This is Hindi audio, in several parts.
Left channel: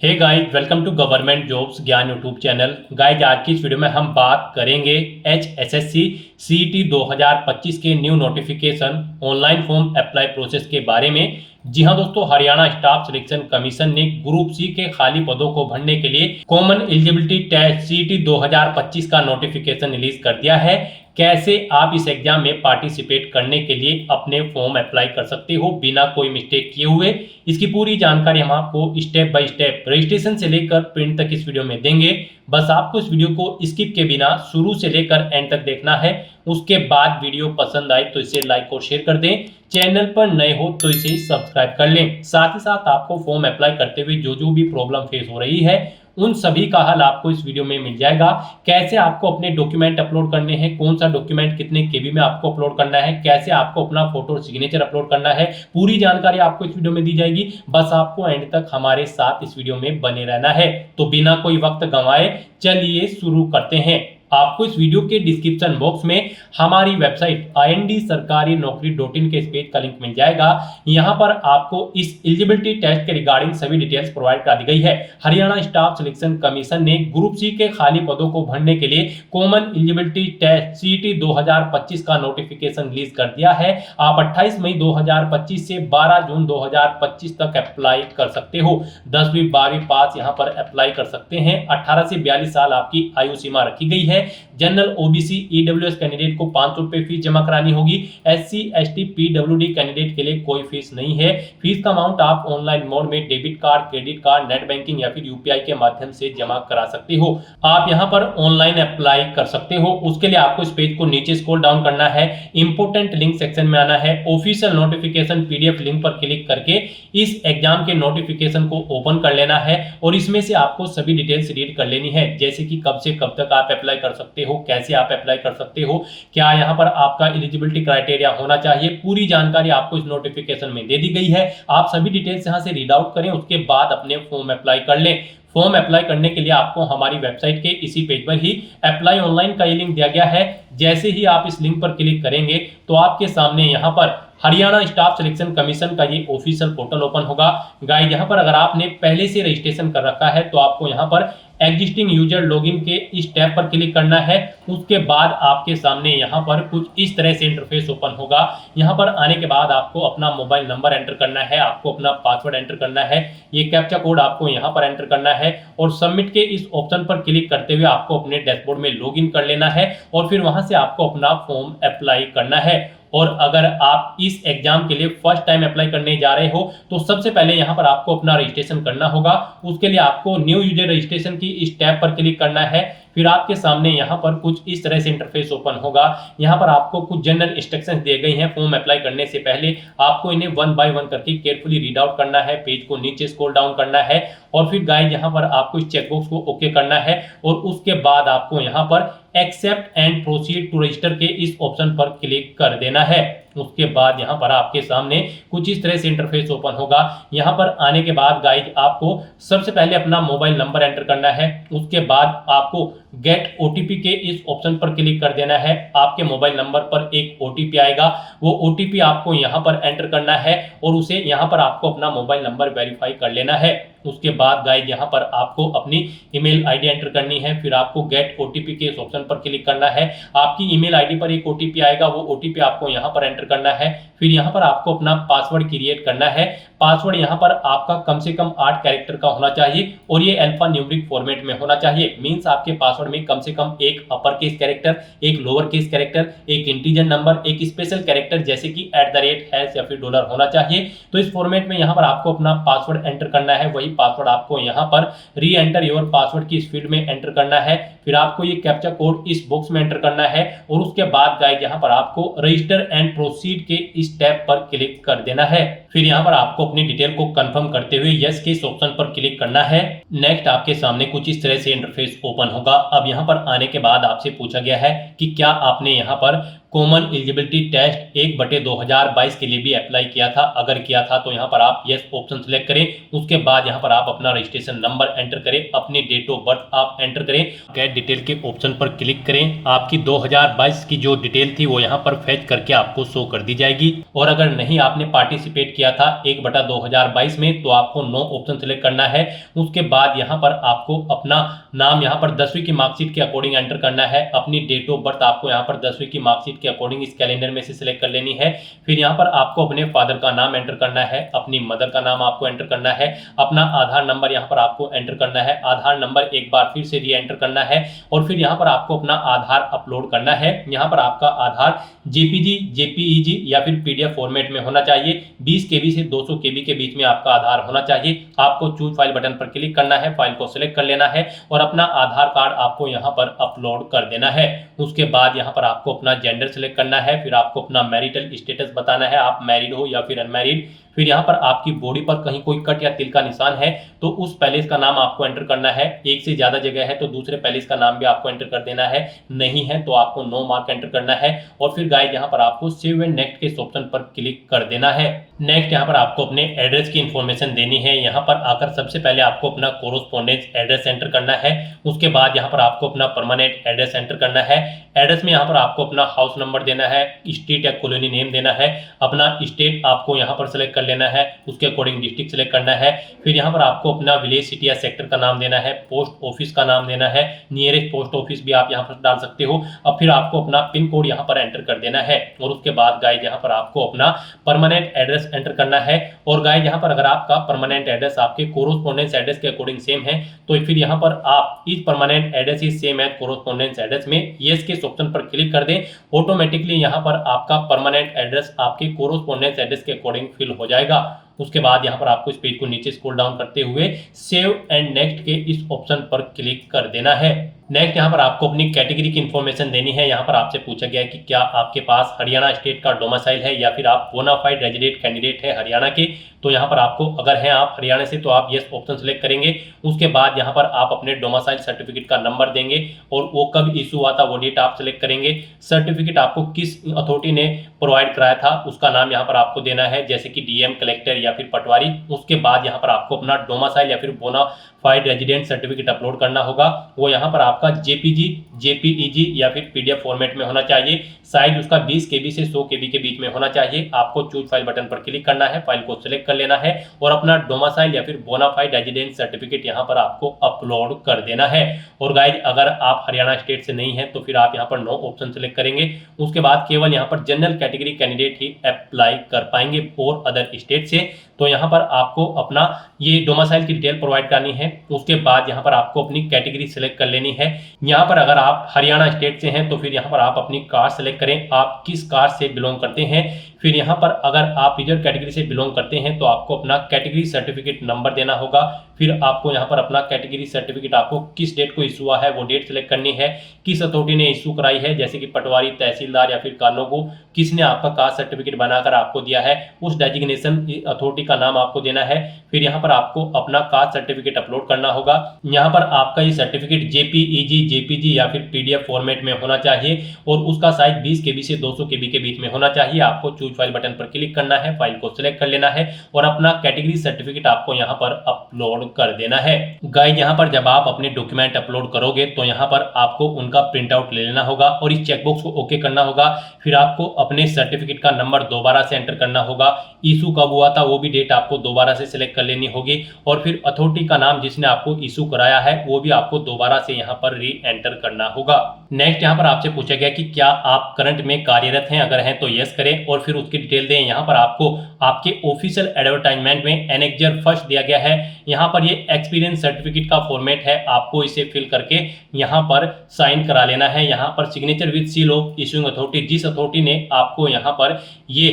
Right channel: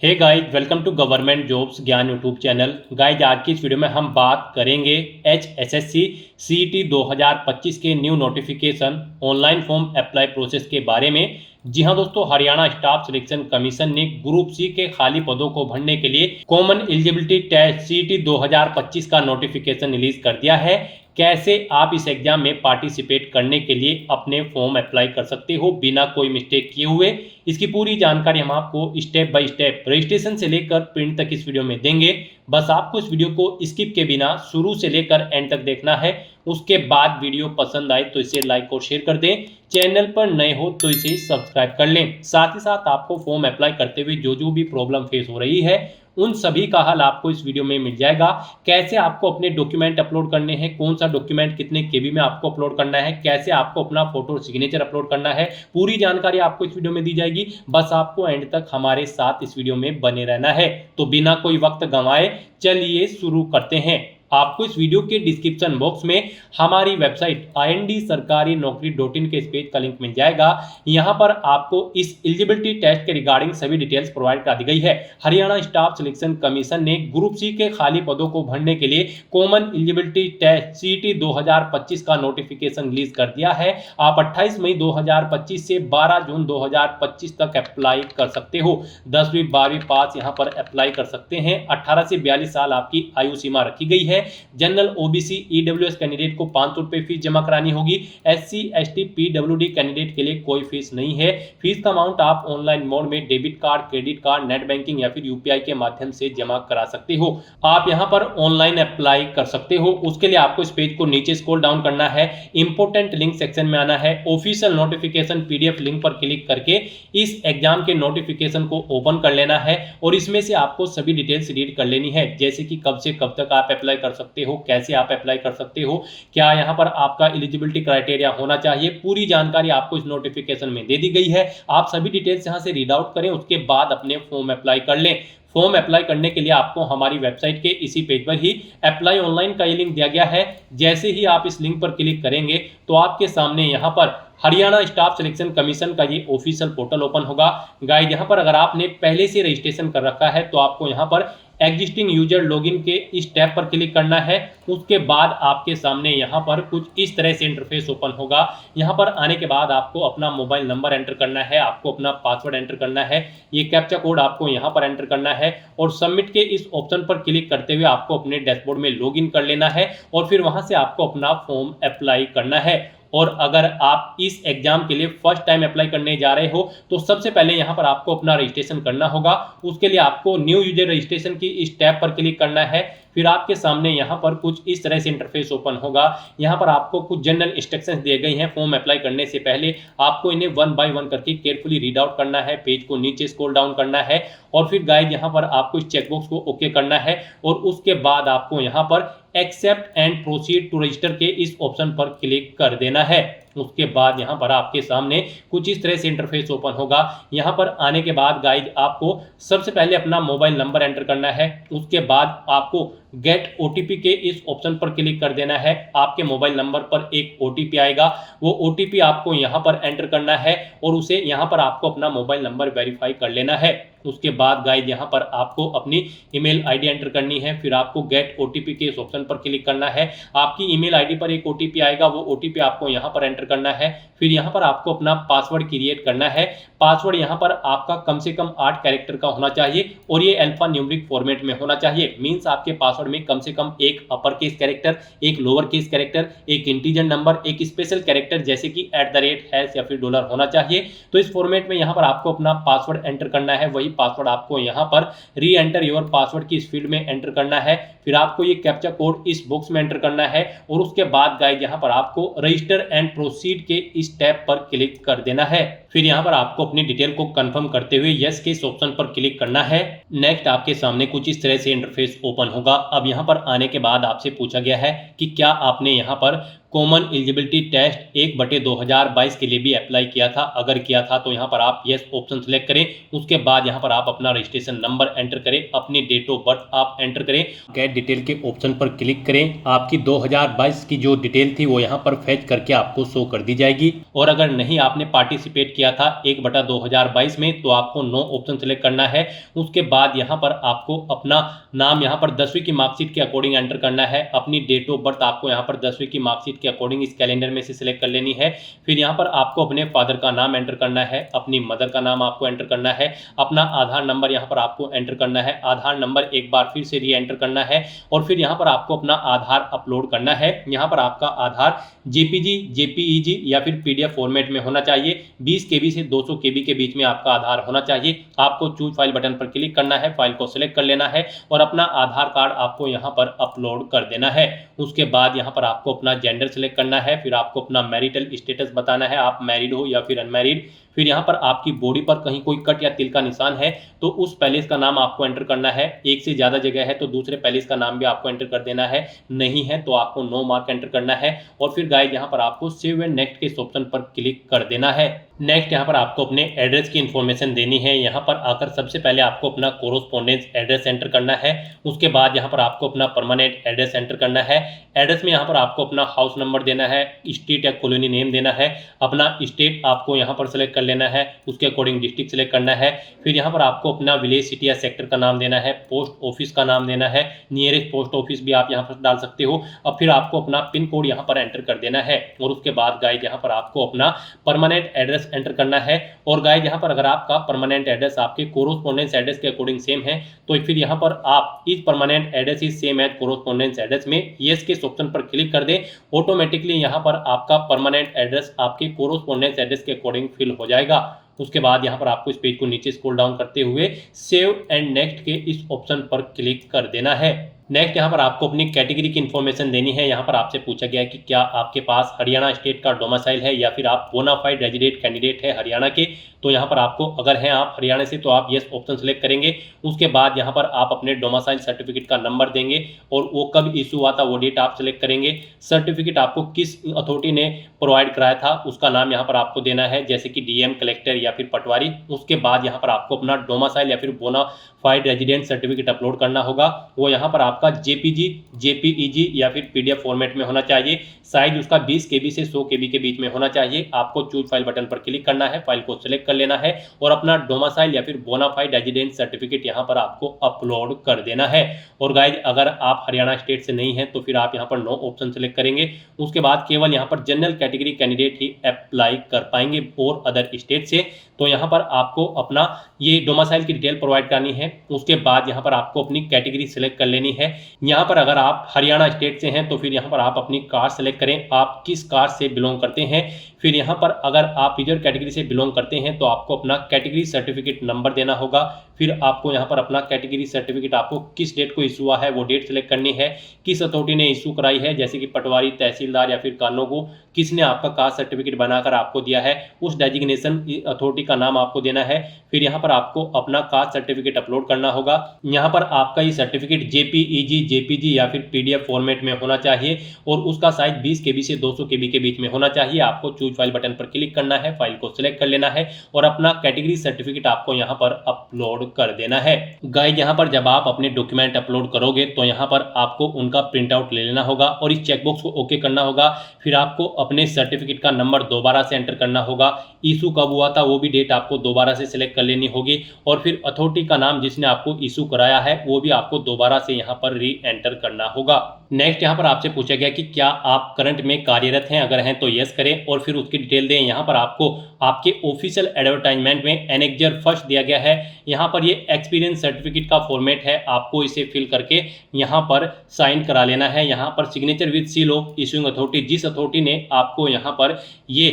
Hey guys, welcome to government jobs Gyan YouTube channel. Guys, आज की इस वीडियो में हम बात करेंगे HSSC CET 2025 के new notification online form apply process के बारे में। जी हां दोस्तों, हरियाणा स्टाफ सिलेक्शन कमीशन ने ग्रुप सी के खाली पदों को भरने के लिए कॉमन एलिजिबिलिटी टेस्ट CET 2025 का नोटिफिकेशन रिलीज कर दिया है। कैसे आप इस एग्जाम में पार्टिसिपेट करने के लिए अपने फॉर्म अप्लाई कर सकते हो बिना कोई मिस्टेक किए हुए, इसकी पूरी जानकारी हम आपको स्टेप बाय स्टेप रजिस्ट्रेशन से लेकर प्रिंट तक इस वीडियो में देंगे। बस आपको इस वीडियो को स्किप के बिना शुरू से लेकर एंड तक देखना है। उसके बाद वीडियो पसंद आए तो इसे लाइक और शेयर कर दें। चैनल पर नए हो तो इसे सब्सक्राइब कर लें। साथ ही साथ आपको फॉर्म अप्लाई करते हुए जो भी प्रॉब्लम फेस हो रही है उन सभी का हल आपको इस वीडियो में मिल जाएगा। कैसे आपको अपने डॉक्यूमेंट अपलोड करने हैं, कौन सा डॉक्यूमेंट कितने केबी में आपको अपलोड करना है, कैसे आपको अपना फोटो और सिग्नेचर अपलोड करना है, पूरी जानकारी आपको इस वीडियो में दी जाएगी। बस आपको एंड तक हमारे साथ इस वीडियो में बने रहना है। तो बिना कोई वक्त गंवाए चलिए शुरू करते हैं। आपको इस वीडियो के डिस्क्रिप्शन बॉक्स में हमारी वेबसाइट IND-sarkari-naukri.in के इस पेज का लिंक मिल जाएगा। यहां पर आपको इस एलिजिबिलिटी टेस्ट के रिगार्डिंग सभी डिटेल्स प्रोवाइड करा दी गई है। हरियाणा स्टाफ सिलेक्शन कमीशन ने ग्रुप सी के खाली पदों को भरने के लिए कॉमन एलिजिबिलिटी टेस्ट CET 2025 का नोटिफिकेशन रिलीज कर दिया है। आप 28 मई 2025 से 12 जून 2025 तक अप्लाई कर सकते हो। 10वीं 12वीं पास यहां पर अप्लाई कर सकते हैं। 18 से 42 साल आपकी आयु सीमा रखी गई है। जनरल OBC EWS कैंडिडेट को 500 रुपए फीस जमा करानी होगी। SC ST PWD कैंडिडेट के लिए कोई फीस नहीं है। फीस का अमाउंट आप ऑनलाइन मोड में debit card, credit card, net banking या फिर UPI के माध्यम से जमा करा सकते हो। आप यहां पर ऑनलाइन अप्लाई कर सकते हो। उसके लिए आपको इस पेज को नीचे स्क्रॉल डाउन करना है, इंपोर्टेंट लिंक सेक्शन में आना है, ऑफिशियल नोटिफिकेशन PDF लिंक पर क्लिक करके इस एग्जाम के नोटिफिकेशन को ओपन कर लेना है और इसमें से आपको सभी डिटेल्स रीड कर लेनी है, जैसे कि कब से कब तक आप अप्लाई कर सकते हो, कैसे आप अप्लाई कर सकते हो, क्या यहां पर आपका एलिजिबिलिटी क्राइटेरिया होना चाहिए। पूरी जानकारी आपको इस नोटिफिकेशन में दे दी गई है। आप सभी डिटेल्स यहां से रीड आउट करें, उसके बाद अपने फॉर्म अप्लाई कर लें। फॉर्म अप्लाई करने के लिए आपको हमारी वेबसाइट के इसी पेज पर ही अप्लाई ऑनलाइन का ये लिंक दिया गया है। जैसे ही आप इस लिंक पर क्लिक करेंगे तो आपके सामने यहाँ पर हरियाणा स्टाफ सिलेक्शन कमीशन का ये ऑफिशियल पोर्टल ओपन होगा। गाइस, यहाँ पर अगर आपने पहले से रजिस्ट्रेशन कर रखा है तो आपको यहाँ पर एग्जिस्टिंग यूजर लॉगिन के इस टैब पर क्लिक करना है। उसके बाद आपके सामने यहाँ पर कुछ इस तरह से इंटरफेस ओपन होगा। यहाँ पर आने के बाद आपको अपना मोबाइल नंबर एंटर करना है, आपको अपना पासवर्ड एंटर करना है, ये कैप्चा कोड आपको यहाँ पर एंटर करना है और सबमिट के इस ऑप्शन पर क्लिक करते हुए आपको अपने डैशबोर्ड में लॉगिन कर लेना है और फिर वहां से आपको अपना फॉर्म अप्लाई करना है। और अगर आप इस एग्जाम के लिए फर्स्ट टाइम अप्लाई करने जा रहे हो तो सबसे पहले यहां पर आपको अपना रजिस्ट्रेशन करना होगा। उसके लिए आपको न्यू यूजर रजिस्ट्रेशन की इस टैब पर क्लिक करना है। फिर आपके सामने यहाँ पर कुछ इस तरह से इंटरफेस ओपन होगा। यहाँ पर आपको कुछ जनरल इंस्ट्रक्शंस दिए गए हैं। फॉर्म अप्लाई करने से पहले आपको इन्हें 1 बाय 1 करके केयरफुली रीड आउट करना है, पेज को नीचे स्क्रॉल डाउन करना है और फिर गाइस यहाँ पर आपको इस चेकबॉक्स को ओके करना है और उसके बाद आपको यहाँ पर accept and proceed to register के इस ऑप्शन पर क्लिक कर देना है। उसके बाद यहाँ पर आपके सामने कुछ इस तरह से इंटरफेस ओपन होगा। यहाँ पर आने के बाद गाइस आपको सबसे पहले अपना मोबाइल नंबर एंटर करना है। उसके बाद आपको गेट OTP के इस ऑप्शन पर क्लिक कर देना है। आपके मोबाइल नंबर पर एक OTP आएगा, वो OTP आपको यहाँ पर एंटर करना है और उसे यहाँ पर आपको अपना मोबाइल नंबर वेरीफाई कर लेना है। उसके बाद गाइस यहाँ पर आपको अपनी ईमेल ID एंटर करनी है। फिर आपको गेट OTP के इस ऑप्शन पर क्लिक करना है। आपकी ईमेल ID पर एक OTP आएगा, वो OTP आपको यहाँ पर एंटर करना है। फिर यहाँ पर आपको अपना पासवर्ड क्रिएट करना है। पासवर्ड यहाँ पर आपका कम से कम 8 कैरेक्टर का होना चाहिए और ये अल्फा न्यूमेरिक फॉर्मेट में होना चाहिए। मींस आपके पासवर्ड में कम से कम एक अपर केस कैरेक्टर, एक लोअर केस कैरेक्टर, एक इंटीजर नंबर, एक स्पेशल कैरेक्टर जैसे कि @ या फिर $, होना चाहिए। तो इस फॉर्मेट में यहाँ पर आपको अपना पासवर्ड एंटर करना है। वही पासवर्ड आपको यहाँ पर री एंटर योर पासवर्ड की इस फील्ड में एंटर करना है। फिर आपको ये कैप्चा कोड इस बॉक्स में एंटर करना है और उसके बाद गाइस यहाँ पर आपको रजिस्टर एंड प्रोसीड के इस टैब पर क्लिक कर देना है। फिर यहाँ पर आपको अपनी डिटेल को कंफर्म करते हुए यस के इस ऑप्शन पर क्लिक करना है। नेक्स्ट आपके सामने कुछ इस तरह से इंटरफेस ओपन होगा। अब यहाँ पर आने के बाद आपसे पूछा गया है कि क्या आपने यहाँ पर कॉमन एलिजिबिलिटी टेस्ट 1/2022 के लिए भी अप्लाई किया था। अगर किया था तो यहाँ पर आप यस ऑप्शन सेलेक्ट करें। उसके बाद यहाँ पर आप अपना रजिस्ट्रेशन नंबर एंटर करें, अपनी डेट ऑफ बर्थ आप एंटर करें, गेट डिटेल के ऑप्शन पर क्लिक करें। आपकी 2022 की जो डिटेल थी वो यहाँ पर फेच करके आपको शो कर दी जाएगी। और अगर नहीं आपने पार्टिसिपेट किया था 1/2022 में तो आपको नो ऑप्शन सेलेक्ट करना है। उसके बाद यहाँ पर आपको अपना नाम यहाँ पर 10वीं की मार्कशीट के अकॉर्डिंग एंटर करना है। अपनी डेट ऑफ बर्थ आपको यहाँ पर 10वीं की मार्कशीट के अकॉर्डिंग इस कैलेंडर में से सिलेक्ट कर लेनी है। फिर यहाँ पर आपको अपने फादर का नाम एंटर करना है, अपनी मदर का नाम आपको एंटर करना है, अपना आधार नंबर यहाँ पर आपको एंटर करना है, आधार नंबर एक बार फिर से री एंटर करना है। और फिर यहाँ पर आपको अपना आधार अपलोड करना है। यहाँ पर आपका आधार जेपीजी, जेपीईजी या फिर पीडीएफ फॉर्मेट में होना चाहिए। 20 केबी से 200 केबी के बीच में आपका आधार होना चाहिए। आपको चूज फाइल बटन पर क्लिक करना है, फाइल को सिलेक्ट कर लेना है और अपना आधार कार्ड आपको यहाँ पर अपलोड कर देना है। उसके बाद यहाँ पर आपको अपना जेंडर सिलेक्ट करना है। फिर आपको अपना मैरिटल स्टेटस बताना है, आप मैरिड हो या फिर अनमैरिड। फिर यहाँ पर आपकी बॉडी पर कहीं कोई कट या तिल का निशान है तो उस पैलेस का नाम आपको एंटर करना है। एक से ज्यादा जगह है तो दूसरे पैलेस का नाम भी आपको एंटर कर देना है, नहीं है तो आपको नो मार्क एंटर करना है। और फिर गाइस यहाँ पर आपको सेव एंड नेक्स्ट के ऑप्शन पर क्लिक कर देना है। नेक्स्ट यहाँ पर आपको अपने एड्रेस की इंफॉर्मेशन देनी है। यहाँ पर आकर सबसे पहले आपको अपना कोरोस्पोंडेंस एड्रेस एंटर करना है। उसके बाद यहाँ पर आपको अपना परमानेंट एड्रेस एंटर करना है। एड्रेस में यहाँ पर आपको अपना हाउस नंबर देना है, स्ट्रीट या कॉलोनी नेम देना है, अपना स्टेट आपको यहाँ पर सेलेक्ट कर लेना है, उसके अकॉर्डिंग डिस्ट्रिक्ट सेलेक्ट करना है। फिर यहाँ पर आपको अपना विलेज, सिटी या सेक्टर का नाम देना है, पोस्ट ऑफिस का नाम देना है, नियरेस्ट पोस्ट ऑफिस भी आप यहाँ पर डाल सकते हो। अब फिर आपको अपना पिन कोड यहाँ पर एंटर कर देना है। और उसके बाद गाइस यहाँ पर आपको अपना परमानेंट एड्रेस एंटर करना है। और गाइस यहाँ पर अगर आपका परमानेंट एड्रेस आपके कोरोस्पोंडेंस एड्रेस के अकॉर्डिंग सेम है तो फिर यहाँ पर आप इस permanent address is same as correspondence address में यस के ऑप्शन पर क्लिक कर दें। ऑटोमेटिकली यहाँ पर आपका परमानेंट एड्रेस आपके कोरोस्पोंडेंस एड्रेस के अकॉर्डिंग फिल हो जाएगा। उसके बाद यहाँ पर आपको इस पेज को नीचे स्क्रॉल डाउन करते हुए सेव एंड नेक्स्ट के इस ऑप्शन पर क्लिक कर देना है। नेक्स्ट यहाँ पर आपको अपनी कैटेगरी की इंफॉर्मेशन देनी है। यहाँ पर आपसे पूछा गया है कि क्या आपके पास हरियाणा स्टेट का डोमिसाइल है या फिर आप बोनाफाइड रेजिडेंट कैंडिडेट है हरियाणा के। तो यहाँ पर आपको अगर हैं आप हरियाणा से तो आप यस ऑप्शन सेलेक्ट करेंगे। उसके बाद यहाँ पर आप अपने डोमिसाइल सर्टिफिकेट का नंबर देंगे और वो कब इशू हुआ था वो डेट आप सेलेक्ट करेंगे। सर्टिफिकेट आपको किस अथॉरिटी ने प्रोवाइड कराया था उसका नाम यहाँ पर आपको देना है, जैसे कि डीएम, कलेक्टर या फिर पटवारी। उसके बाद यहाँ पर आपको अपना डोमिसाइल या फिर बोनाफाइड रेजिडेंट सर्टिफिकेट अपलोड करना होगा। वो यहाँ पर आपका जेपीजी, जेपीईजी या फिर पीडीएफ फॉर्मेट में होना चाहिए। साइज उसका 20 केबी से 100 केबी के बीच में होना चाहिए। आपको चूज फाइल बटन पर क्लिक करना है, फाइल को सिलेक्ट कर लेना है और अपना डोमिसाइल या फिर बोनाफाइड रेजिडेंट सर्टिफिकेट यहाँ पर आपको अपलोड कर देना है। और गाइज अगर आप हरियाणा स्टेट से नहीं है तो फिर आप यहाँ पर नो ऑप्शन सेलेक्ट करेंगे। उसके बाद केवल यहाँ पर जनरल कैटेगरी कैंडिडेट ही अप्लाई कर पाएंगे और अदर स्टेट से। तो यहाँ पर आपको अपना ये डोमिसाइल की डिटेल प्रोवाइड करनी है। उसके बाद यहाँ पर आपको अपनी कैटेगरी सिलेक्ट कर लेनी है। यहाँ पर अगर आप हरियाणा स्टेट से हैं तो फिर यहाँ पर आप अपनी कास्ट सेलेक्ट करें, आप किस कास्ट से बिलोंग करते हैं। फिर यहाँ पर अगर आप रिजर्व कैटेगरी से बिलोंग करते हैं तो आपको अपना कैटेगरी सर्टिफिकेट नंबर देना होगा। फिर आपको यहाँ पर अपना कैटेगरी सर्टिफिकेट आपको किस डेट को इशू हुआ है वो डेट सेलेक्ट करनी है, किस अथॉरिटी ने इशू कराई है, जैसे कि पटवारी, तहसीलदार या फिर कानों को किसने आपका कास्ट सर्टिफिकेट बनाकर आपको दिया है, उस डेजिग्नेशन अथॉरिटी का नाम आपको देना है। फिर यहाँ पर आपको अपना कास्ट सर्टिफिकेट अपलोड करना होगा। यहाँ पर आपका ये सर्टिफिकेट जेपीईजी, जेपीजी या फिर पीडीएफ फॉर्मेट में होना चाहिए और उसका साइज 20 केबी से 200 केबी के बीच में होना चाहिए। आपको चूज फाइल बटन पर क्लिक करना है, फाइल को सिलेक्ट कर लेना है और अपना कैटेगरी सर्टिफिकेट आपको यहाँ पर अपलोड कर देना है। गाइस यहाँ पर जब आप अपने डॉक्यूमेंट अपलोड करोगे तो यहाँ पर आपको उनका प्रिंट आउट ले लेना होगा और इस चेकबॉक्स को ओके करना होगा। फिर आपको अपने सर्टिफिकेट का नंबर दोबारा से एंटर करना होगा, इशू कब हुआ था वो भी डेट आपको दोबारा से सिलेक्ट कर लेनी होगी और फिर अथॉरिटी का नाम जिसने आपको इशू कराया है वो भी आपको दोबारा से यहाँ पर री एंटर करना होगा। नेक्स्ट यहाँ पर आपसे पूछा गया कि क्या आप करंट में कार्यरत हैं, अगर हैं तो यस करें और फिर उसकी डिटेल दें। यहाँ पर आपको आपके ऑफिशियल एडवर्टाइजमेंट में एनेक्जर फर्स्ट दिया गया है। यहाँ पर ये एक्सपीरियंस सर्टिफिकेट का फॉर्मेट है, आपको इसे फिल करके यहाँ पर साइन करा लेना है। यहाँ पर signature with seal of issuing authority, जिस अथॉरिटी ने आपको यहाँ पर ये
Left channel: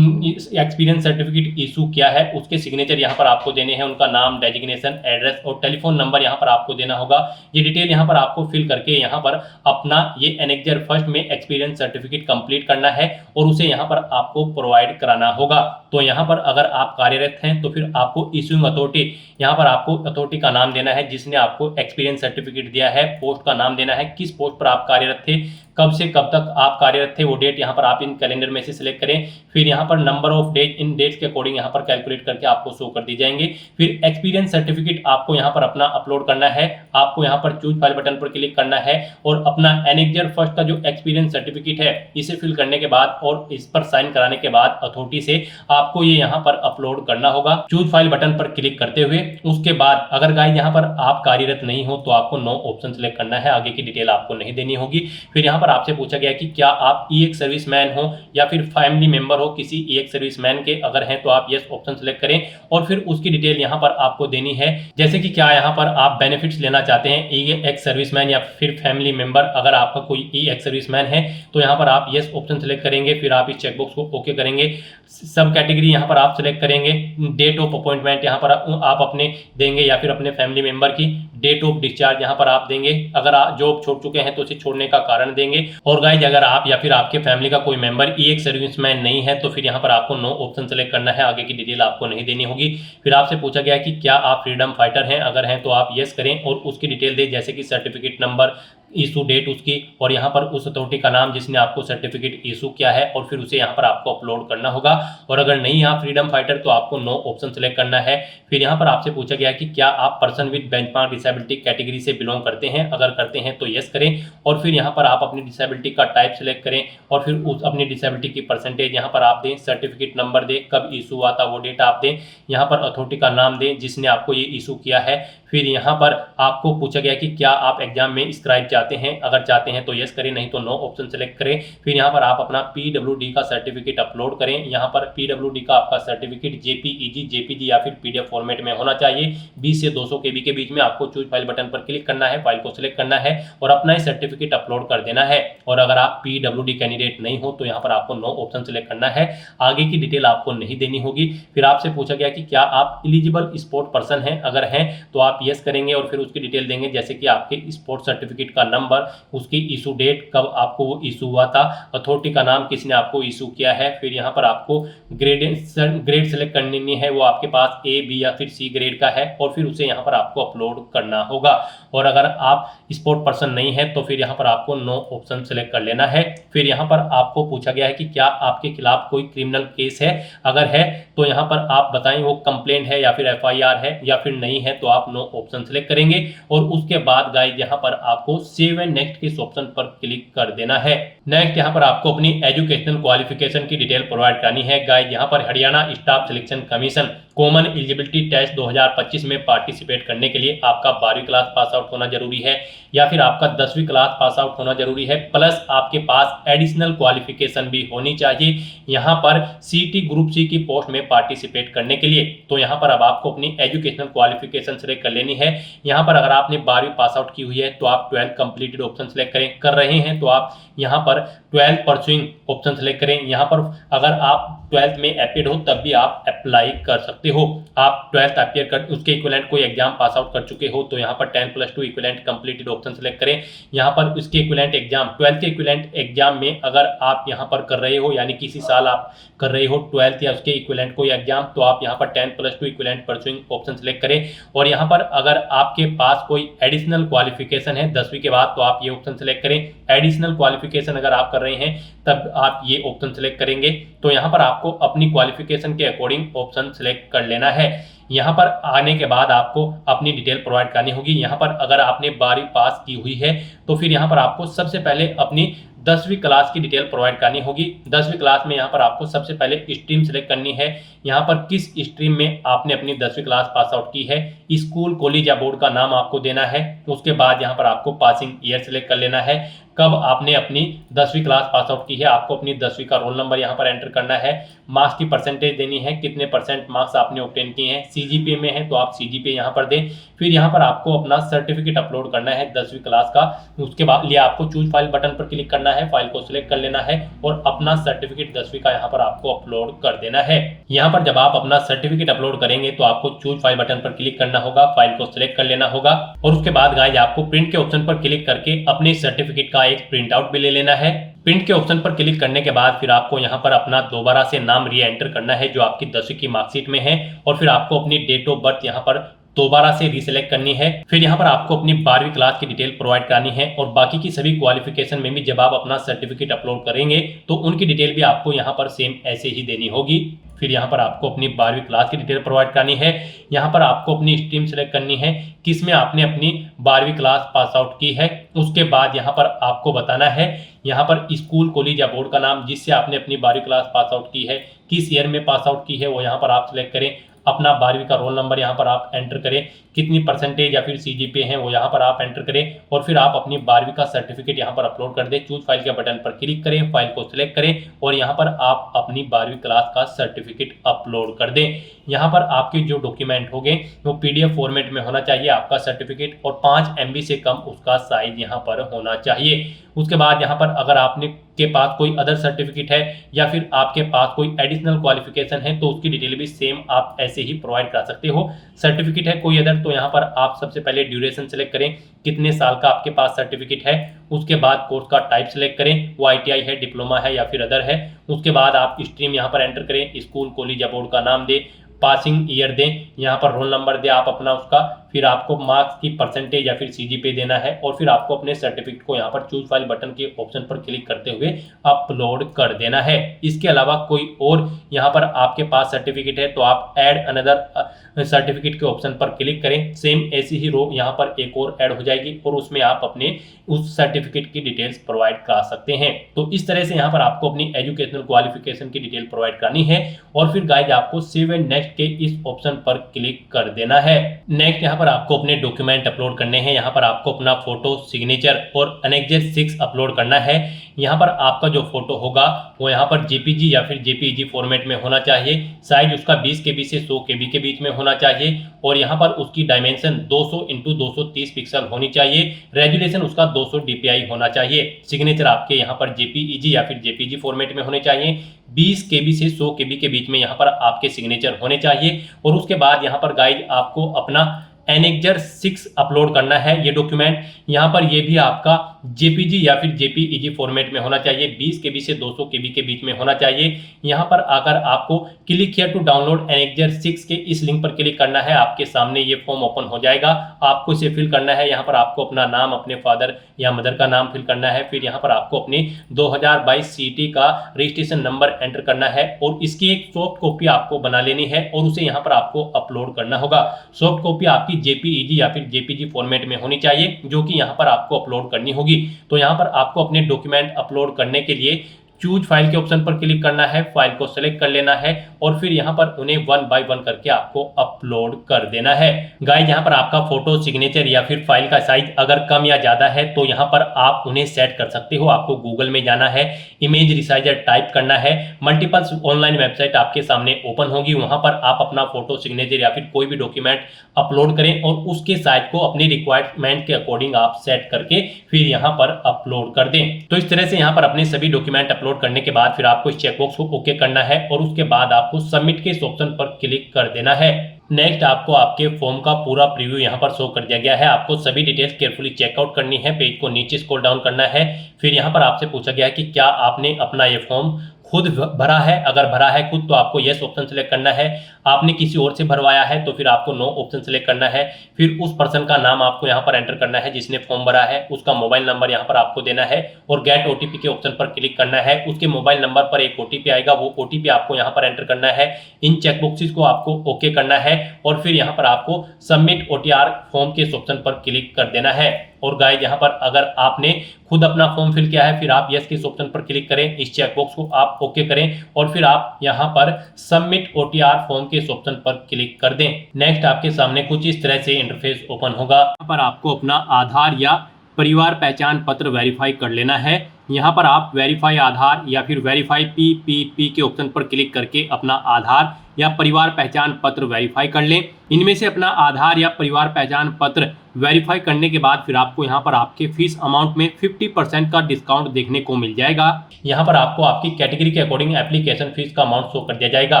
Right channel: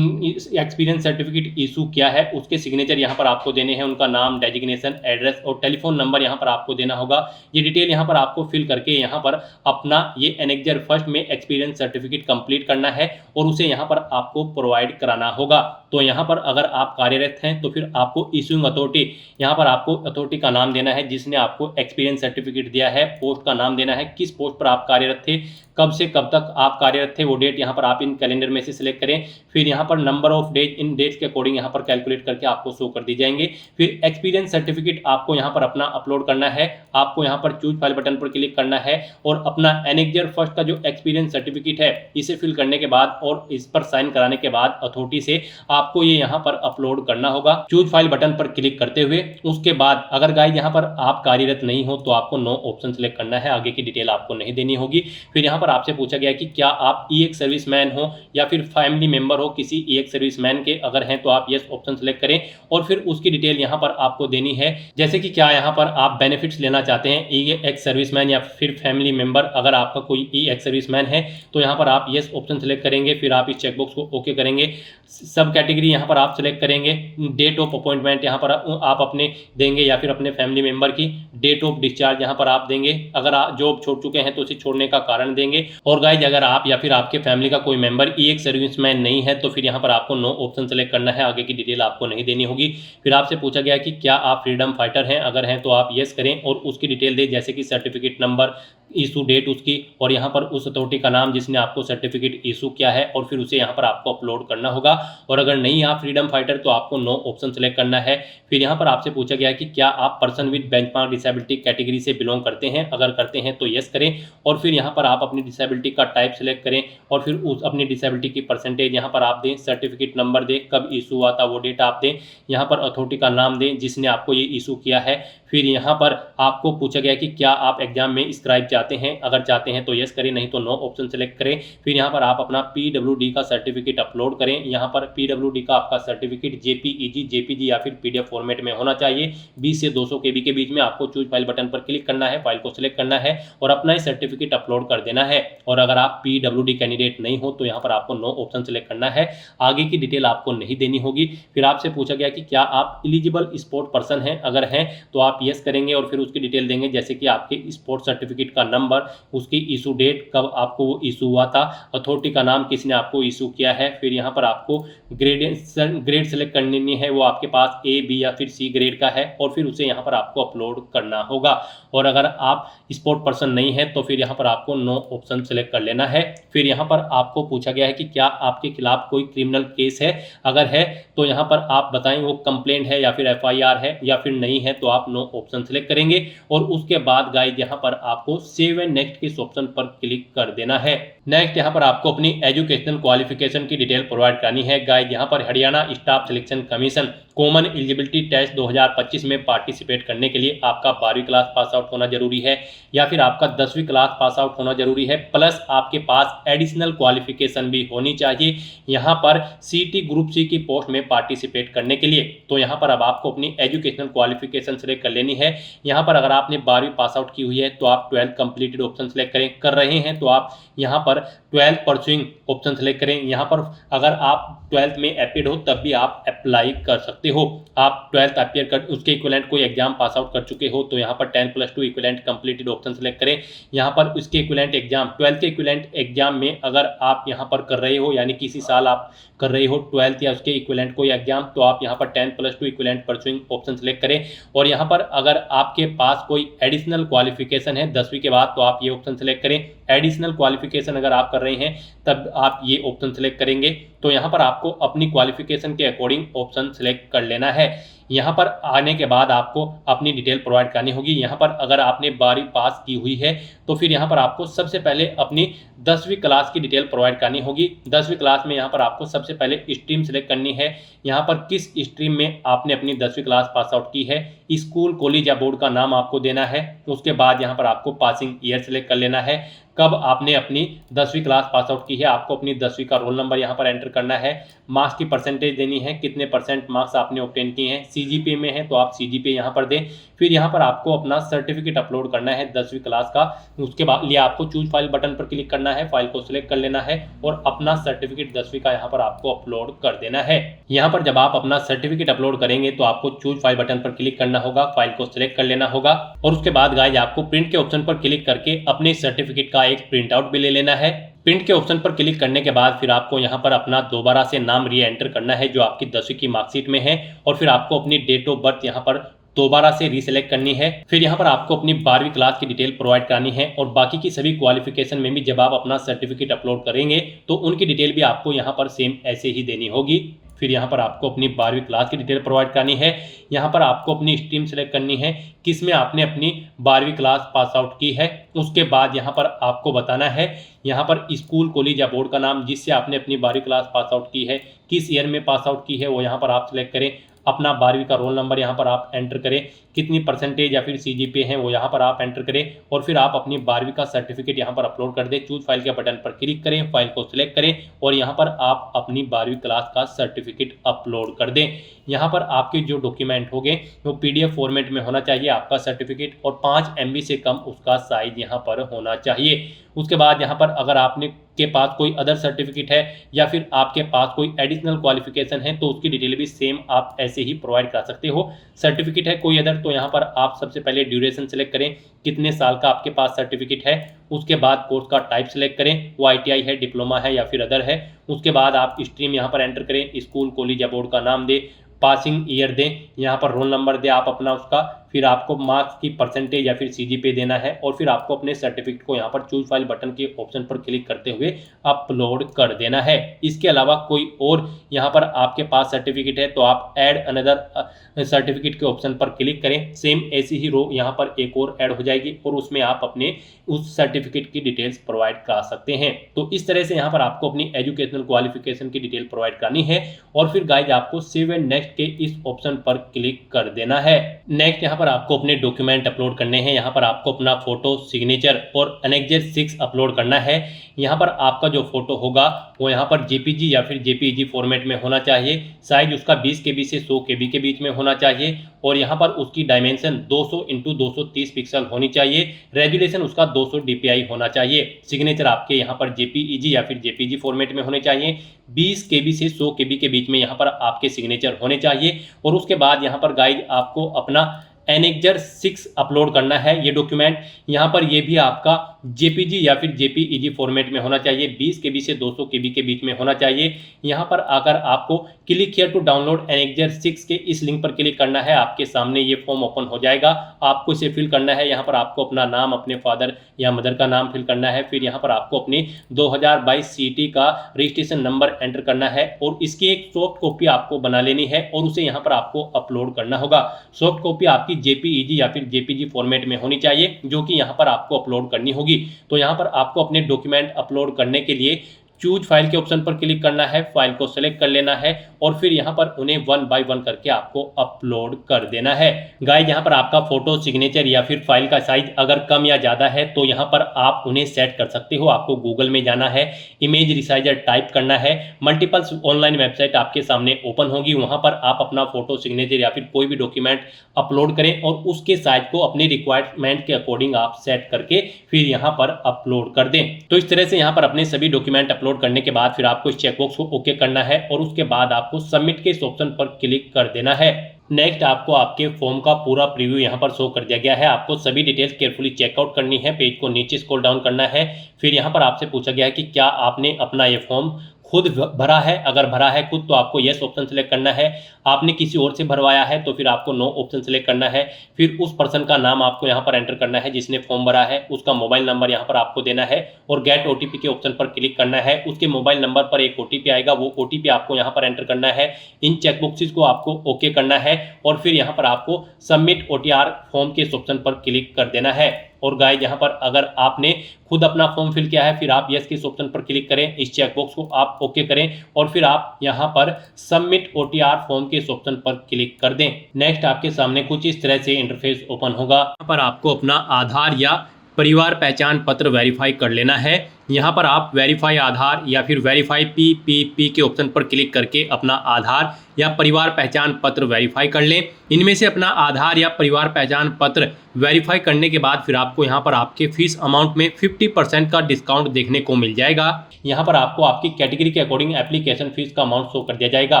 एक्सपीरियंस सर्टिफिकेट इशू किया है उसके सिग्नेचर यहाँ पर आपको देने हैं, उनका नाम, डेजिग्नेशन, एड्रेस और टेलीफोन नंबर यहाँ पर आपको देना होगा। ये डिटेल यहाँ पर आपको फिल करके यहाँ पर अपना ये एनेक्जर फर्स्ट में एक्सपीरियंस सर्टिफिकेट कंप्लीट करना है और उसे यहाँ पर आपको प्रोवाइड कराना होगा। तो यहाँ पर अगर आप कार्यरत हैं तो फिर आपको इशूइंग अथॉरिटी, यहाँ पर आपको अथॉरिटी का नाम देना है जिसने आपको एक्सपीरियंस सर्टिफिकेट दिया है, पोस्ट का नाम देना है, किस पोस्ट पर आप कार्यरत थे, कब से कब तक आप कार्यरत थे वो डेट यहाँ पर आप इन कैलेंडर में से सिलेक्ट करें। फिर यहाँ पर नंबर ऑफ डेज, इन डेट्स के अकॉर्डिंग यहाँ पर कैलकुलेट करके आपको शो कर दी जाएंगे। फिर एक्सपीरियंस सर्टिफिकेट आपको यहाँ पर अपना अपलोड करना है, आपको यहाँ पर चूज फाइल बटन पर क्लिक करना है और अपना एनेक्जर फर्स्ट का जो एक्सपीरियंस सर्टिफिकेट है इसे फिल करने के बाद और इस पर साइन कराने के बाद अथॉरिटी से आपको ये यहाँ पर अपलोड करना होगा चूज फाइल बटन पर क्लिक करते हुए। उसके बाद अगर गाइस यहाँ पर आप कार्यरत नहीं हो तो आपको नो ऑप्शन सेलेक्ट करना है, आगे की डिटेल आपको नहीं देनी होगी। फिर यहाँ पर आपसे पूछा गया कि क्या आप ईएक्स सर्विसमैन हो या फिर फैमिली मेंबर हो किसी ईएक्स सर्विसमैन के, अगर हैं तो आप यस ऑप्शन सेलेक्ट करें और फिर उसकी डिटेल यहाँ पर आपको देनी है, जैसे कि क्या यहाँ पर आप बेनिफिट्स लेना चाहते हैं ईएक्स सर्विसमैन या फिर फैमिली मेंबर। अगर आपका कोई ईएक्स सर्विसमैन है तो यहाँ पर आप यस ऑप्शन सेलेक्ट करेंगे, फिर आप इस चेकबॉक्स को ओके करेंगे। सब कैटेगरी यहाँ पर आप सेलेक्ट करेंगे, डेट ऑफ अपॉइंटमेंट यहाँ पर आप अपने देंगे या फिर अपने फैमिली मेंबर की, डेट ऑफ डिस्चार्ज यहाँ पर आप देंगे, अगर आप जॉब छोड़ चुके हैं तो उसे छोड़ने का कारण देंगे। और गाइस अगर आप या फिर आपके फैमिली का कोई मेंबर ईएक्स सर्विसमैन नहीं है तो फिर यहाँ पर आपको नो ऑप्शन सेलेक्ट करना है, आगे की डिटेल आपको नहीं देनी होगी। फिर आपसे पूछा गया कि क्या आप फ्रीडम फाइटर हैं, अगर हैं तो आप यस करें और उसकी डिटेल दें, जैसे कि सर्टिफिकेट नंबर, इशू डेट उसकी और यहाँ पर उस अथॉरिटी का नाम जिसने आपको सर्टिफिकेट इशू किया है और फिर उसे यहाँ पर आपको अपलोड करना होगा। और अगर नहीं आप फ्रीडम फाइटर तो आपको नो ऑप्शन सेलेक्ट करना है। फिर यहाँ पर आपसे पूछा गया कि क्या आप person with benchmark disability category से बिलोंग करते हैं, अगर करते हैं तो यस करें और फिर यहाँ पर आप अपनी डिसेबिलिटी का टाइप सेलेक्ट करें और फिर उस अपनी डिसेबिलिटी की परसेंटेज यहाँ पर आप दें, सर्टिफिकेट नंबर दें, कब इशू हुआ था वो डेट आप दें, यहाँ पर अथॉरिटी का नाम दें जिसने आपको ये इशू किया है। फिर यहाँ पर आपको पूछा गया कि क्या आप एग्जाम में स्क्राइब चाहते हैं, अगर चाहते हैं तो यस करें, नहीं तो नो ऑप्शन सेलेक्ट करें। फिर यहाँ पर आप अपना पीडब्ल्यूडी का सर्टिफिकेट अपलोड करें, यहाँ पर पीडब्ल्यूडी का आपका सर्टिफिकेट जेपीईजी, जेपीजी या फिर पीडीएफ फॉर्मेट में होना चाहिए। 20 से 200 केबी के बीच में आपको चूज फाइल बटन पर क्लिक करना है, फाइल को सिलेक्ट करना है और अपना ही सर्टिफिकेट अपलोड कर देना है। और अगर आप पीडब्ल्यूडी कैंडिडेट नहीं हो तो यहाँ पर आपको नो ऑप्शन सेलेक्ट करना है, आगे की डिटेल आपको नहीं देनी होगी। फिर आपसे पूछा गया कि क्या आप एलिजिबल स्पोर्ट पर्सन हैं, अगर हैं तो आप यस करेंगे और फिर उसकी डिटेल देंगे, जैसे कि आपके स्पोर्ट सर्टिफिकेट का नंबर, उसकी इशू डेट, कब आपको वो इशू हुआ था, अथॉरिटी का नाम किसने आपको इशू किया है। फिर यहाँ पर आपको ग्रेड सेलेक्ट करनी है, वो आपके पास ए, बी या फिर सी ग्रेड का है और फिर उसे यहाँ पर आपको अपलोड करना होगा। और अगर आप स्पोर्ट पर्सन नहीं है तो फिर यहाँ पर आपको नो ऑप्शन सेलेक्ट कर लेना है। फिर यहाँ पर आपको पूछा गया है कि क्या आपके खिलाफ कोई क्रिमिनल केस है, अगर है तो यहाँ पर आप बताएं वो कंप्लेंट है या फिर एफआईआर है, या फिर नहीं है तो आप नो ऑप्शन सेलेक्ट करेंगे और उसके बाद गाइस यहाँ पर आपको सेव एंड नेक्स्ट के ऑप्शन पर क्लिक कर देना है। नेक्स्ट यहाँ पर आपको अपनी एजुकेशनल क्वालिफिकेशन की डिटेल प्रोवाइड करनी है। गाइस यहाँ पर Haryana staff selection commission common eligibility test 2025 में पार्टिसिपेट करने के लिए आपका 12वीं क्लास पास आउट होना जरूरी है या फिर आपका 10वीं क्लास पास आउट होना जरूरी है, प्लस आपके पास एडिशनल क्वालिफिकेशन भी होनी चाहिए यहाँ पर सीटी ग्रुप सी की पोस्ट में पार्टिसिपेट करने के लिए। तो यहाँ पर अब आपको अपनी एजुकेशनल क्वालिफिकेशन सेलेक्ट कर लेनी है। यहाँ पर अगर आपने 12वीं पास आउट की हुई है तो आप 12th कंप्लीटेड ऑप्शन सेलेक्ट करें, कर रहे हैं तो आप यहाँ पर 12th परस्यूइंग ऑप्शन सेलेक्ट करें। यहाँ पर अगर आप 12th में एपिड हो तब भी आप अप्लाई कर सकते हो। आप 12th अपियर कर उसके इक्विवेलेंट कोई एग्जाम पास आउट कर चुके हो तो यहाँ पर 10+2 इक्विवेलेंट कंप्लीटेड ऑप्शन सेलेक्ट करें। यहाँ पर उसके इक्विवेलेंट एग्जाम 12th के इक्विवेलेंट एग्जाम में अगर आप यहाँ पर कर रहे हो, यानी किसी साल आप कर रहे हो 12th या उसके इक्विवेलेंट कोई एग्जाम, तो आप यहाँ पर 10+2 इक्विवेलेंट परस्यूइंग ऑप्शन सेलेक्ट करें। और यहाँ पर अगर आपके पास कोई एडिशनल क्वालिफिकेशन है 10वीं के बाद तो आप ये ऑप्शन सेलेक्ट करें। एडिशनल क्वालिफिकेशन अगर आप कर रहे हैं तब आप ये ऑप्शन सेलेक्ट करेंगे। तो यहाँ पर आपको अपनी क्वालिफिकेशन के अकॉर्डिंग ऑप्शन सेलेक्ट कर लेना है। यहाँ पर आने के बाद आपको अपनी डिटेल प्रोवाइड करनी होगी। यहाँ पर अगर आपने 12वीं पास की हुई है तो फिर यहाँ पर आपको सबसे पहले अपनी 10वीं क्लास की डिटेल प्रोवाइड करनी होगी। 10वीं क्लास में यहाँ पर आपको सबसे पहले स्ट्रीम सेलेक्ट करनी है। यहाँ पर किस स्ट्रीम में आपने अपनी 10वीं क्लास पास आउट की है, स्कूल, कॉलेज या बोर्ड का नाम आपको देना है। उसके बाद यहाँ पर आपको पासिंग ईयर सेलेक्ट कर लेना है, कब आपने अपनी 10वीं क्लास पास आउट की है, आपको अपनी 10वीं का रोल नंबर यहाँ पर एंटर करना है। मार्क्स की परसेंटेज देनी है, कितने परसेंट मार्क्स आपने ऑब्टेन किए हैं। सीजीपीए में है तो आप सीजीपीए यहाँ पर दें। फिर यहाँ पर आपको अपना सर्टिफिकेट अपलोड करना है 10वीं क्लास का। उसके बाद लिए आपको चूज फाइल बटन पर क्लिक करना है, फाइल को सिलेक्ट कर लेना है और अपना सर्टिफिकेट 10वीं का यहाँ पर आपको अपलोड कर देना है। यहाँ पर जब आप अपना सर्टिफिकेट अपलोड करेंगे तो आपको चूज फाइल बटन पर क्लिक करना होगा, फाइल को सिलेक्ट कर लेना होगा और उसके बाद गाइस आपको प्रिंट के ऑप्शन पर क्लिक करके अपने सर्टिफिकेट का एक प्रिंट आउट भी ले लेना है। प्रिंट के ऑप्शन पर क्लिक करने के बाद फिर आपको यहाँ पर अपना दोबारा से नाम री एंटर करना है जो आपकी 10वीं की मार्कशीट में है, और फिर आपको अपनी डेट ऑफ बर्थ यहाँ पर दोबारा से रीसेलेक्ट करनी है। फिर यहाँ पर आपको अपनी 12वीं क्लास की डिटेल प्रोवाइड करानी है, और बाकी की सभी क्वालिफिकेशन में भी जब आप अपना सर्टिफिकेट अपलोड करेंगे तो उनकी डिटेल भी आपको यहाँ पर सेम ऐसे ही देनी होगी। फिर यहाँ पर आपको अपनी 12वीं क्लास की डिटेल प्रोवाइड करानी है। यहाँ पर आपको अपनी स्ट्रीम सेलेक्ट करनी है किस में आपने अपनी 12वीं क्लास पास आउट की है। उसके बाद यहाँ पर आपको बताना है यहाँ पर स्कूल, कॉलेज या बोर्ड का नाम जिससे आपने अपनी 12वीं क्लास पास आउट की है, किस ईयर में पास आउट की है वो यहाँ पर आप सिलेक्ट करें। अपना 12वीं का रोल नंबर यहाँ पर आप एंटर करें, कितनी परसेंटेज या फिर सीजीपीए है वो यहाँ पर आप एंटर करें, और फिर आप अपनी 12वीं का सर्टिफिकेट यहाँ पर अपलोड कर दें। चूज फाइल के बटन पर क्लिक करें, फाइल को सिलेक्ट करें और यहाँ पर आप अपनी 12वीं क्लास का सर्टिफिकेट अपलोड कर दें। यहाँ पर आपके जो डॉक्यूमेंट होंगे वो पीडीएफ फॉर्मेट में होना चाहिए आपका सर्टिफिकेट, और 5 MB से कम उसका साइज यहाँ पर होना चाहिए। उसके बाद यहाँ पर अगर आपने के पास कोई अदर सर्टिफिकेट है या फिर आपके पास कोई एडिशनल क्वालिफिकेशन है तो उसकी डिटेल भी सेम आप ऐसे ही प्रोवाइड कर सकते हो। सर्टिफिकेट है कोई अदर तो यहाँ पर आप सबसे पहले ड्यूरेशन सेलेक्ट करें, कितने साल का आपके पास सर्टिफिकेट है। उसके बाद कोर्स का टाइप सेलेक्ट करें, वो ITI है, डिप्लोमा है या फिर अदर है। उसके बाद आप स्ट्रीम यहाँ पर एंटर करें, स्कूल, कॉलेज या बोर्ड का नाम दें, पासिंग ईयर दें, यहाँ पर रोल नंबर दें आप अपना उसका, फिर आपको मार्क्स की परसेंटेज या फिर सीजीपीए देना है, और फिर आपको अपने सर्टिफिकेट को यहाँ पर चूज फाइल बटन के ऑप्शन पर क्लिक करते हुए अपलोड कर देना है। इसके अलावा कोई और यहाँ पर आपके पास सर्टिफिकेट है तो आप ऐड अनदर सर्टिफिकेट के ऑप्शन पर क्लिक करें, सेम ऐसी ही रो यहाँ पर एक और ऐड हो जाएगी और उसमें आप अपने उस सर्टिफिकेट की डिटेल्स प्रोवाइड करा सकते हैं। तो इस तरह से यहाँ पर आपको अपनी एजुकेशनल क्वालिफिकेशन की डिटेल प्रोवाइड करनी है, और फिर गाइज आपको सेव एंड नेक्स्ट के इस ऑप्शन पर क्लिक कर देना है। नेक्स्ट यहाँ पर आपको अपने डॉक्यूमेंट अपलोड करने हैं। यहाँ पर आपको अपना फोटो, सिग्नेचर और एनेक्सर 6 अपलोड करना है। यहाँ पर आपका जो फोटो होगा वो यहाँ पर JPG या फिर JPEG फॉर्मेट में होना चाहिए। साइज उसका 20 KB से 100 KB के बीच में होना चाहिए, और यहाँ पर उसकी डायमेंशन 200 × 230 पिक्सल होनी चाहिए। रेजोल्यूशन उसका 200 DPI होना चाहिए। सिग्नेचर आपके यहाँ पर JPEG या फिर JPG फॉर्मेट में होने चाहिए। 20 KB से 100 KB के बीच में यहाँ पर आपके सिग्नेचर होने चाहिए। और उसके बाद यहाँ पर गाइड आपको अपना एनेक्सर 6 अपलोड करना है। ये डॉक्यूमेंट यहाँ पर ये भी आपका JPG या फिर JPEG फॉर्मेट में होना चाहिए। 20 KB से 200 KB के बीच में होना चाहिए। यहाँ पर आकर आपको click here to download annexure 6 के इस लिंक पर क्लिक करना है। आपके सामने ये फॉर्म ओपन हो जाएगा, आपको इसे फिल करना है। यहाँ पर आपको अपना नाम, अपने फादर या मदर का नाम फिल करना है। फिर यहाँ पर आपको अपनी 2022 CET का रजिस्ट्रेशन नंबर एंटर करना है, और इसकी एक सॉफ्ट कॉपी आपको बना लेनी है और उसे यहाँ पर आपको अपलोड करना होगा। सॉफ्ट कॉपी आपकी JPEG या फिर JPG फॉर्मेट में होनी चाहिए, जो कि यहाँ पर आपको अपलोड करनी होगी। तो यहाँ पर आपको अपने डॉक्यूमेंट अपलोड करने के लिए चूज फाइल के ऑप्शन पर क्लिक करना है, फाइल को सेलेक्ट कर लेना है, और फिर यहाँ पर उन्हें 1 बाय 1 करके आपको अपलोड कर देना है। गाइस यहाँ पर आपका फोटो, सिग्नेचर या फिर फाइल का साइज अगर कम या ज़्यादा है तो यहाँ पर आप उन्हें सेट कर सकते हो। आपको गूगल में जाना है, इमेज रिसाइजर टाइप करना है, मल्टीपल ऑनलाइन वेबसाइट आपके सामने ओपन होगी, वहाँ पर आप अपना फोटो, सिग्नेचर या फिर कोई भी डॉक्यूमेंट अपलोड करें और उसके साइज को अपनी रिक्वायरमेंट के अकॉर्डिंग आप सेट करके फिर यहाँ पर अपलोड कर दें। तो इस तरह से यहाँ पर अपने सभी डॉक्यूमेंट अपलोड करने के बाद फिर आपको इस चेकबॉक्स को ओके करना है, और उसके बाद आपको सबमिट के इस ऑप्शन पर क्लिक कर देना है। नेक्स्ट आपको आपके फॉर्म का पूरा प्रीव्यू यहाँ पर शो कर दिया गया है। आपको सभी डिटेल्स केयरफुली चेकआउट करनी है, पेज को नीचे स्क्रॉल डाउन करना है। फिर यहाँ पर आपसे पूछा गया है कि क्या आपने अपना ये फॉर्म खुद भरा है। अगर भरा है खुद तो आपको यस ऑप्शन सेलेक्ट करना है। आपने किसी और से भरवाया है तो फिर आपको नो ऑप्शन सेलेक्ट करना है। फिर उस पर्सन का नाम आपको यहाँ पर एंटर करना है जिसने फॉर्म भरा है, उसका मोबाइल नंबर यहाँ पर आपको देना है और गेट OTP के ऑप्शन पर क्लिक करना है। उसके मोबाइल नंबर पर एक OTP आएगा, वो OTP आपको यहाँ पर एंटर करना है। इन चेकबॉक्सेस को आपको ओके करना है और फिर यहाँ पर आपको सबमिट OTR फॉर्म के ऑप्शन पर क्लिक कर देना है। और गाइस यहाँ पर अगर आपने खुद अपना फॉर्म फिल किया है फिर आप यस के इस ऑप्शन पर क्लिक करें, इस चेकबॉक्स को आप ओके करें और फिर आप यहाँ पर सबमिट OTR फॉर्म के इस ऑप्शन पर क्लिक कर दें। नेक्स्ट आपके सामने कुछ इस तरह से इंटरफेस ओपन होगा। यहाँ पर आपको अपना आधार या परिवार पहचान पत्र वेरीफाई कर लेना है। यहाँ पर आप वेरीफाई आधार या फिर वेरीफाई PPP के ऑप्शन पर क्लिक करके अपना आधार या परिवार पहचान पत्र वेरीफाई कर लें। इनमें से अपना आधार या परिवार पहचान पत्र वेरीफाई करने के बाद फिर आपको यहाँ पर आपके फीस अमाउंट में 50% का डिस्काउंट देखने को मिल जाएगा। यहाँ पर आपको आपकी कैटेगरी के अकॉर्डिंग एप्लीकेशन फीस का अमाउंट शो कर दिया जाएगा।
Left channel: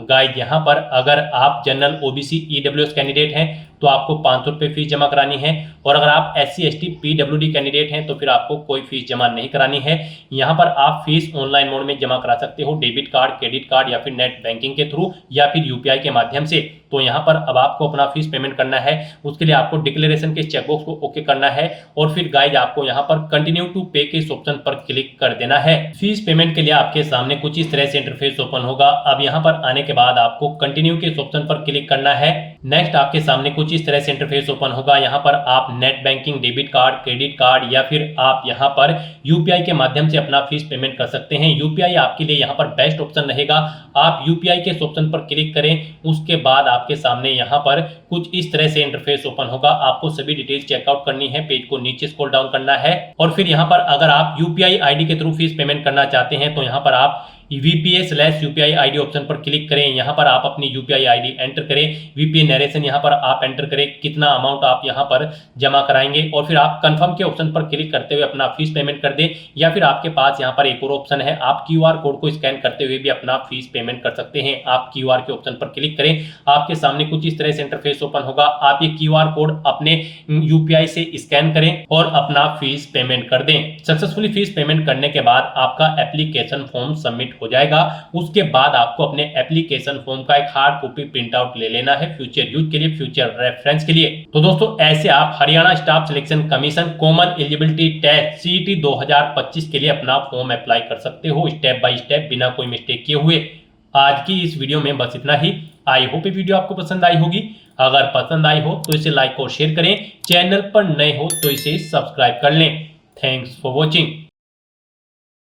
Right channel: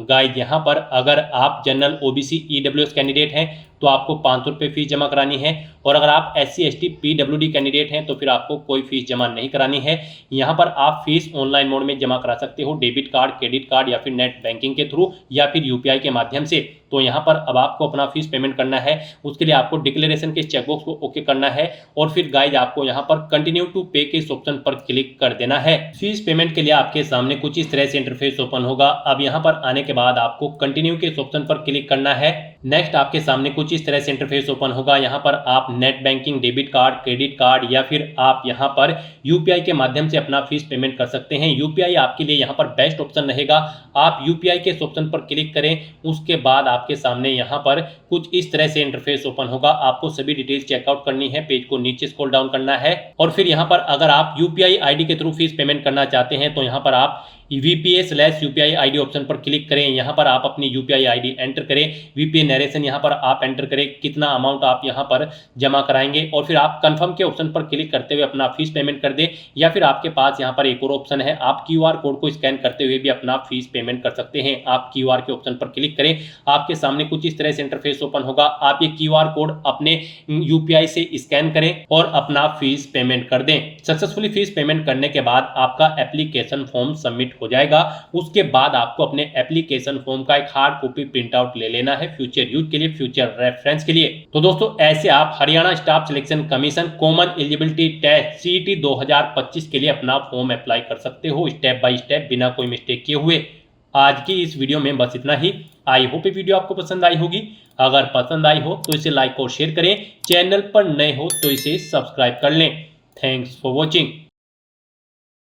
गाइस, यहाँ पर अगर आप जनरल ओबीसी ईडब्ल्यूएस कैंडिडेट हैं तो आपको 500 रुपये फीस जमा करानी है, और अगर आप SC ST PWD कैंडिडेट हैं तो फिर आपको कोई फीस जमा नहीं करानी है। यहाँ पर आप फीस ऑनलाइन मोड में जमा करा सकते हो, डेबिट कार्ड, क्रेडिट कार्ड या फिर नेट बैंकिंग के थ्रू या फिर UPI के माध्यम से। तो यहाँ पर अब आपको अपना फीस पेमेंट करना है। उसके लिए आपको डिक्लेरेशन के चेकबॉक्स को ओके करना है और फिर गाइज आपको यहाँ पर कंटिन्यू टू पे के इस ऑप्शन पर क्लिक कर देना है। फीस पेमेंट के लिए आपके सामने कुछ इस तरह से इंटरफेस ओपन होगा। अब यहाँ पर आने के बाद आपको कंटिन्यू के इस ऑप्शन पर क्लिक करना है। नेक्स्ट आपके सामने कुछ इस तरह से इंटरफेस ओपन होगा। यहाँ पर आप net banking, debit card, credit card या फिर आप यहाँ पर UPI के माध्यम से अपना फीस पेमेंट कर सकते हैं। UPI आपके लिए यहाँ पर बेस्ट ऑप्शन रहेगा। आप UPI के इस ऑप्शन पर क्लिक करें। उसके बाद आपके सामने यहाँ पर कुछ इस तरह से इंटरफेस ओपन होगा। आपको सभी डिटेल्स चेकआउट करनी है, पेज को नीचे स्क्रॉल डाउन करना है और फिर यहाँ पर अगर आप UPI ID के थ्रू फीस पेमेंट करना चाहते हैं तो यहाँ पर आप VPA/UPI ID ऑप्शन पर क्लिक करें। यहाँ पर आप अपनी UPI ID एंटर करें। VPA नरेशन यहाँ पर आप एंटर करें, कितना अमाउंट आप यहाँ पर जमा कराएंगे और फिर आप कंफर्म के ऑप्शन पर क्लिक करते हुए अपना फीस पेमेंट कर दें। या फिर आपके पास यहाँ पर एक और ऑप्शन है, आप QR कोड को स्कैन करते हुए भी अपना फीस पेमेंट कर सकते हैं। आप QR के ऑप्शन पर क्लिक करें। आपके सामने कुछ इस तरह से इंटरफेस ओपन होगा। आप ये QR कोड अपने UPI से स्कैन करें और अपना फीस पेमेंट कर दें। सक्सेसफुली फीस पेमेंट करने के बाद आपका एप्लीकेशन फॉर्म सबमिट हो जाएगा। उसके बाद आपको अपने एप्लीकेशन फॉर्म का एक हार्ड कॉपी प्रिंट आउट ले लेना है फ्यूचर यूज के लिए, फ्यूचर रेफरेंस के लिए। तो दोस्तों, ऐसे आप Haryana staff selection commission common eligibility test CET 2025 के लिए अपना फॉर्म अप्लाई कर सकते हो स्टेप बाय स्टेप, बिना कोई मिस्टेक किए हुए। आज की इस वीडियो में बस इतना ही। आई होप ये वीडियो आपको पसंद आई होगी। अगर पसंद आई हो तो इसे लाइक और शेयर करें। चैनल पर नए हो तो इसे सब्सक्राइब कर लें। Thanks for watching.